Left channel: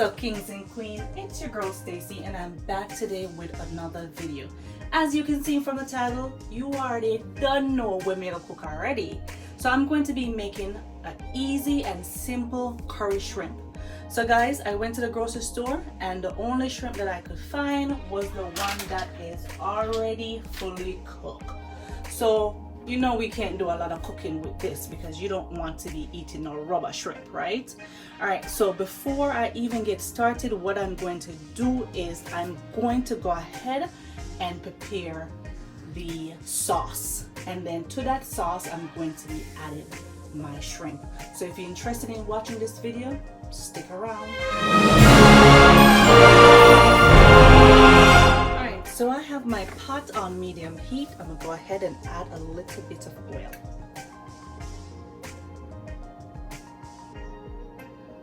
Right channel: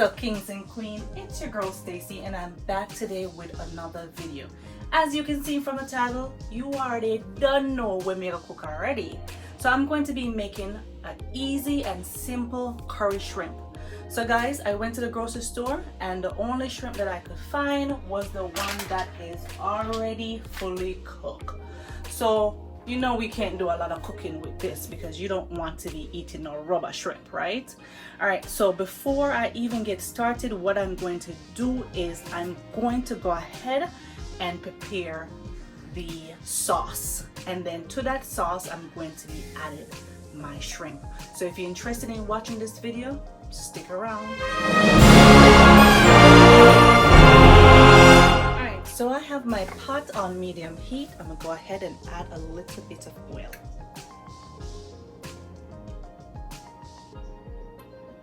up, kings and queens? It's your girl Stacy, and I'm back today with another video. As you can see from the title, you already don't know we make a cook already. So I'm going to be making an easy and simple curry shrimp. So guys, I went to the grocery store and the only shrimp that I could find was the one that is already fully cooked. So you know we can't do a lot of cooking with this because you don't want to be eating no rubber shrimp, right? All right, so before I even get started, what I'm going to do is I'm going to go ahead and prepare the sauce, and then to that sauce I'm going to be adding my shrimp. So if you're interested in watching this video, stick around. Alright, so I have my pot on medium heat. I'm gonna go ahead and add a little bit of oil.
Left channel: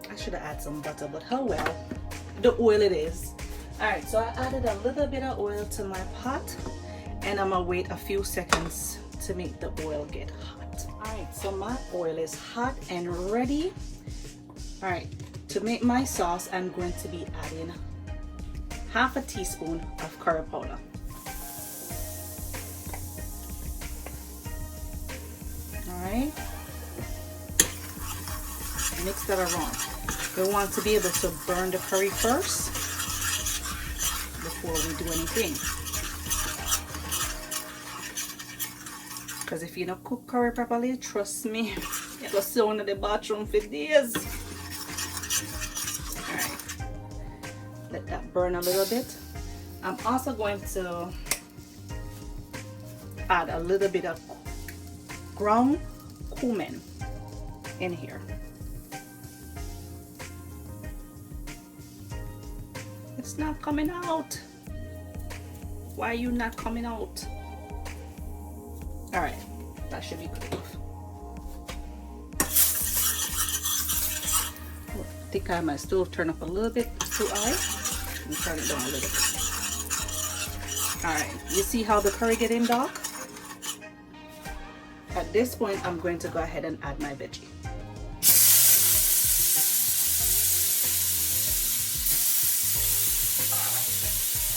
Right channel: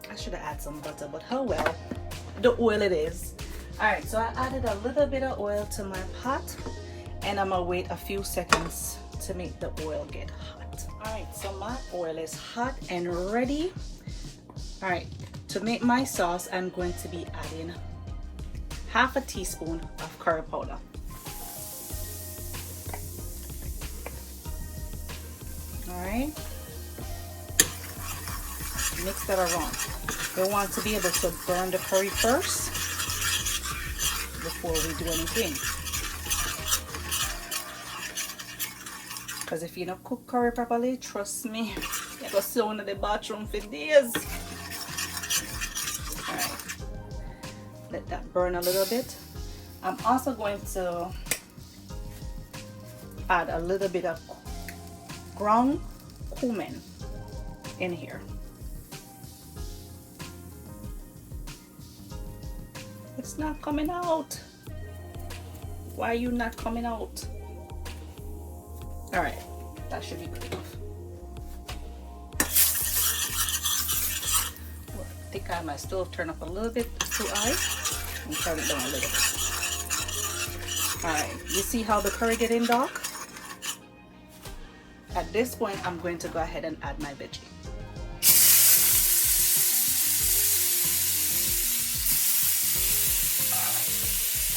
I should have added some butter, but how well, the oil it is. Alright, so I added a little bit of oil to my pot, and I'm gonna wait a few seconds to make the oil get hot. Alright, so my oil is hot and ready. Alright, to make my sauce, I'm going to be adding half a teaspoon of curry powder. Alright, mix that around. We want to be able to burn the curry first before we do anything. Because if you don't cook curry properly, trust me, you're going to sit in the bathroom for days. Alright, let that burn a little bit. I'm also going to add a little bit of ground cumin in here. It's not coming out. Why are you not coming out? Alright, that should be good enough. Take out my stove, turn up a little bit too high, and turn it down a little bit. Alright, you see how the curry getting dark? At this point, I'm going to go ahead and add my veggie.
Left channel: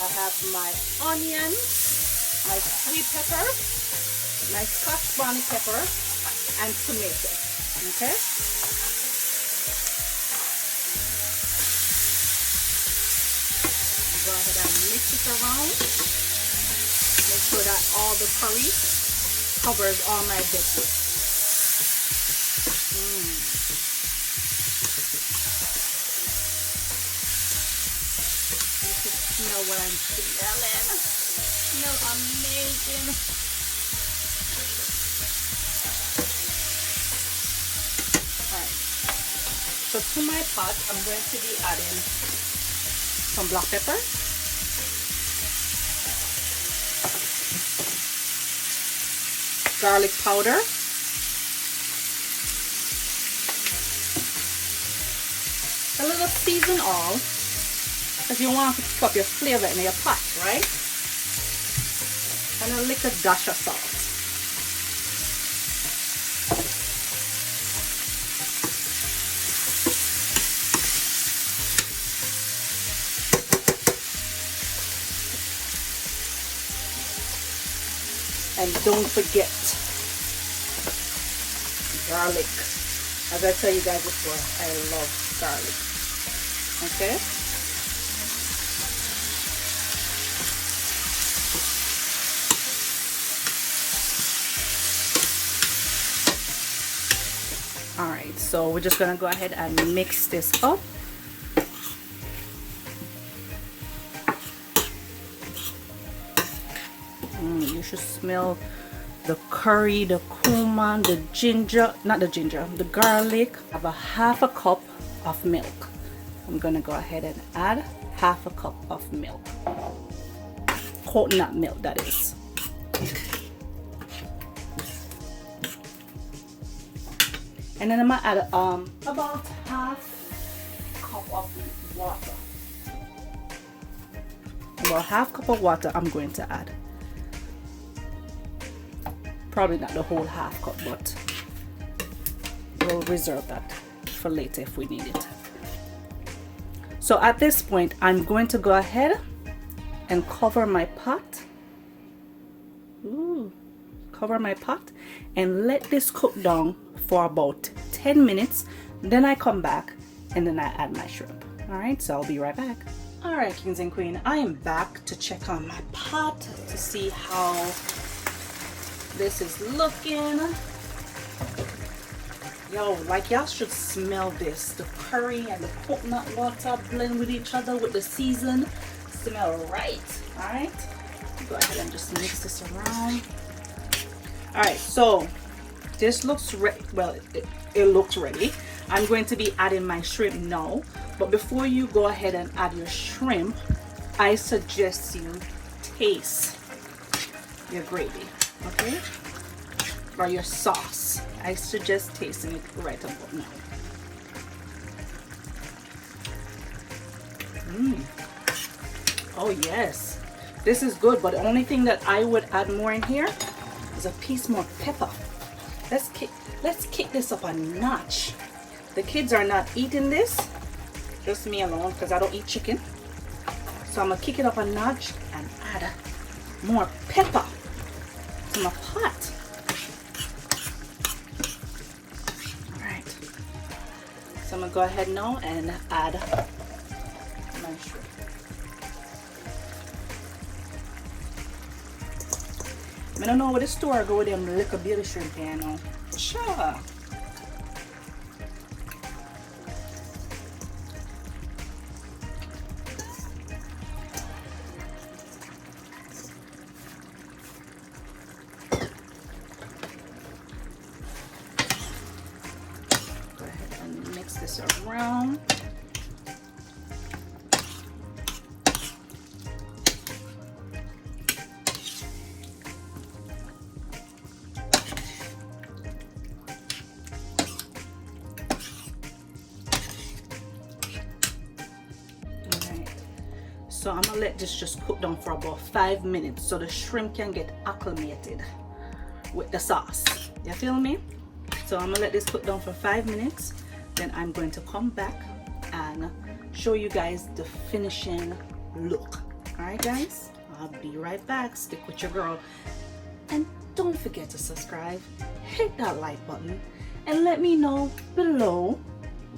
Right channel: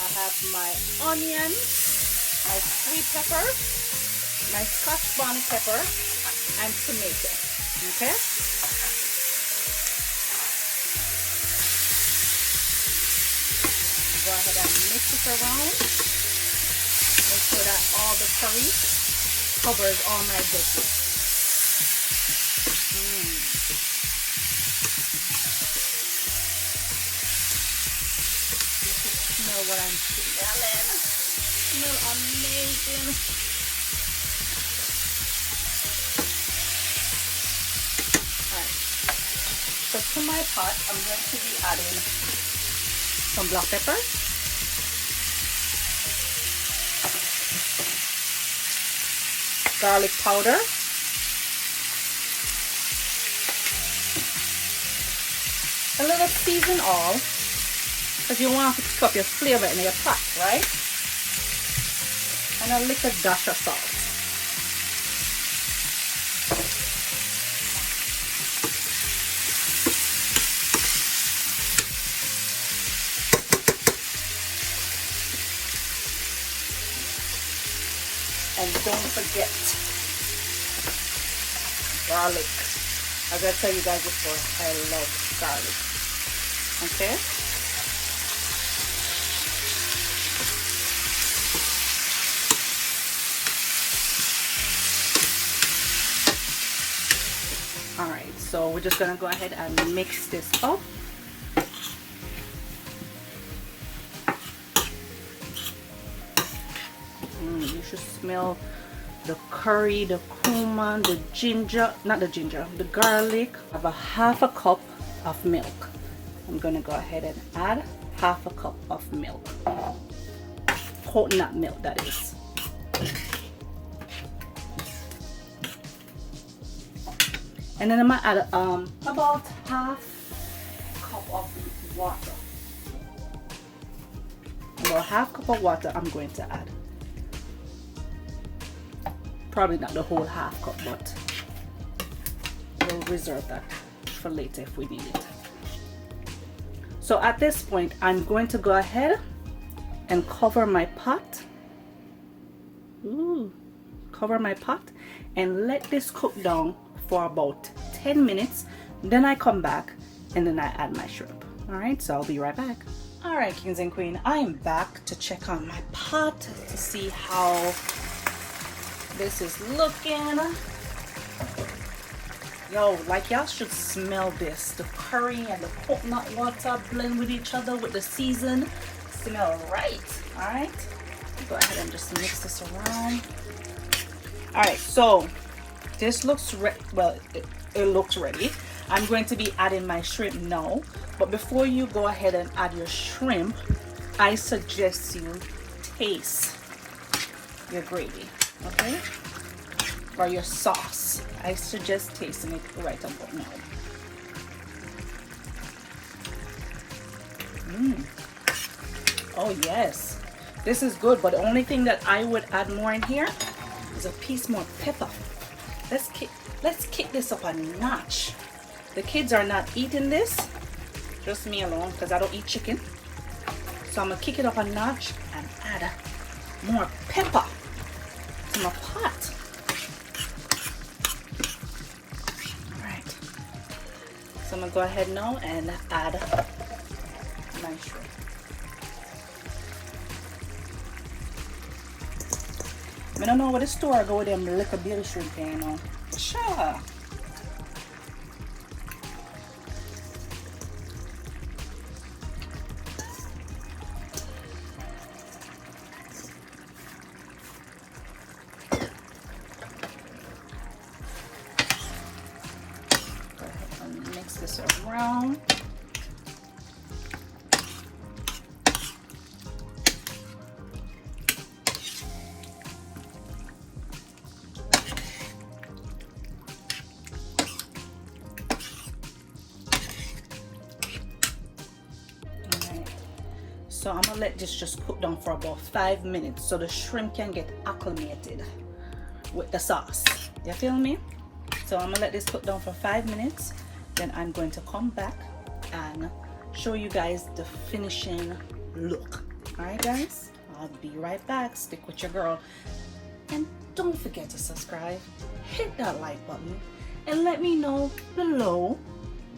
I have my onion, my sweet pepper, my scotch bonnet pepper, and tomato. Okay? Go ahead and mix it around. Make sure that all the curry covers all my veggies. You can smell what I'm smelling. Smell amazing. Alright. So to my pot, I'm going to be adding some black pepper, garlic powder, a little seasoned oil, because you want to pick up your flavor in your pot, right? And a little dash of salt. And don't forget garlic. As I tell you guys before, I love garlic. Okay? Alright, so we're just gonna go ahead and mix this up. You should smell the curry, the cumin, the ginger, not the ginger, the garlic. I have a half a cup of milk. I'm gonna go ahead and add half a cup of milk. Coconut milk, that is. And then I'm gonna add about half cup of water. About half cup of water I'm going to add. Probably not the whole half cup, but we'll reserve that for later if we need it. So at this point, I'm going to go ahead and cover my pot. Cover my pot and let this cook down for about 10 minutes. Then I come back and then I add my shrimp. All right, so I'll be right back. All right, kings and queens, I am back to check on my pot to see how this is looking. Yo, like y'all should smell this. The curry and the coconut water blend with each other with the season. Smell right. All right, go ahead and just mix this around. All right, so this looks well, it looks ready. I'm going to be adding my shrimp now, but before you go ahead and add your shrimp, I suggest you taste your gravy, okay, or your sauce. I suggest tasting it right about now. Oh yes, this is good, but the only thing that I would add more in here is a piece more pepper. Let's kick this up a notch. The kids are not eating this, just me alone, because I don't eat chicken. So I'm gonna kick it up a notch and add more pepper to my pot. All right, so I'm gonna go ahead now and add my shrimp. I don't know what the store go with them little baby shrimp here now. Sure. Go ahead and mix this around. So I'm gonna let this just cook down for about 5 minutes so the shrimp can get acclimated with the sauce. You feel me? So I'm gonna let this cook down for 5 minutes. Then I'm going to come back and show you guys the finishing look. All right, guys? I'll be right back. Stick with your girl. And don't forget to subscribe. Hit that like button. And let me know below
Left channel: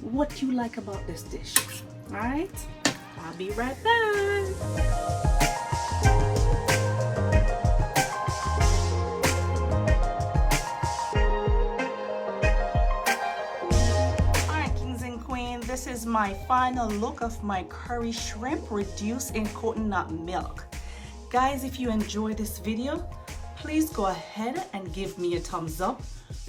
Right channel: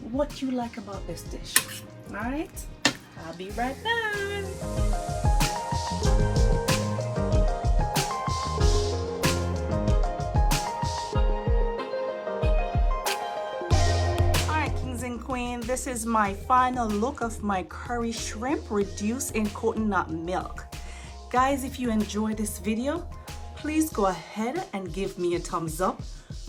what you like about this dish. All right? I'll be right back. All right, kings and queens, this is my final look of my curry shrimp reduced in coconut milk. Guys, if you enjoyed this video, please go ahead and give me a thumbs up.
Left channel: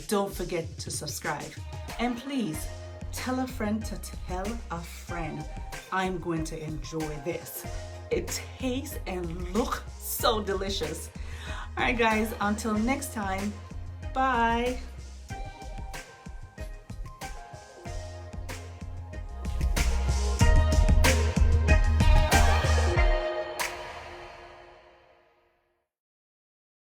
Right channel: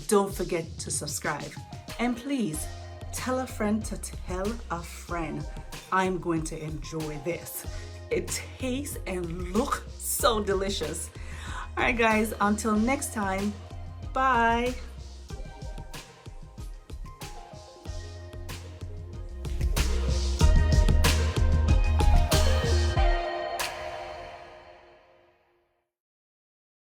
Don't forget to subscribe. And please tell a friend to tell a friend. I'm going to enjoy this. It tastes and looks so delicious. All right, guys, until next time, bye.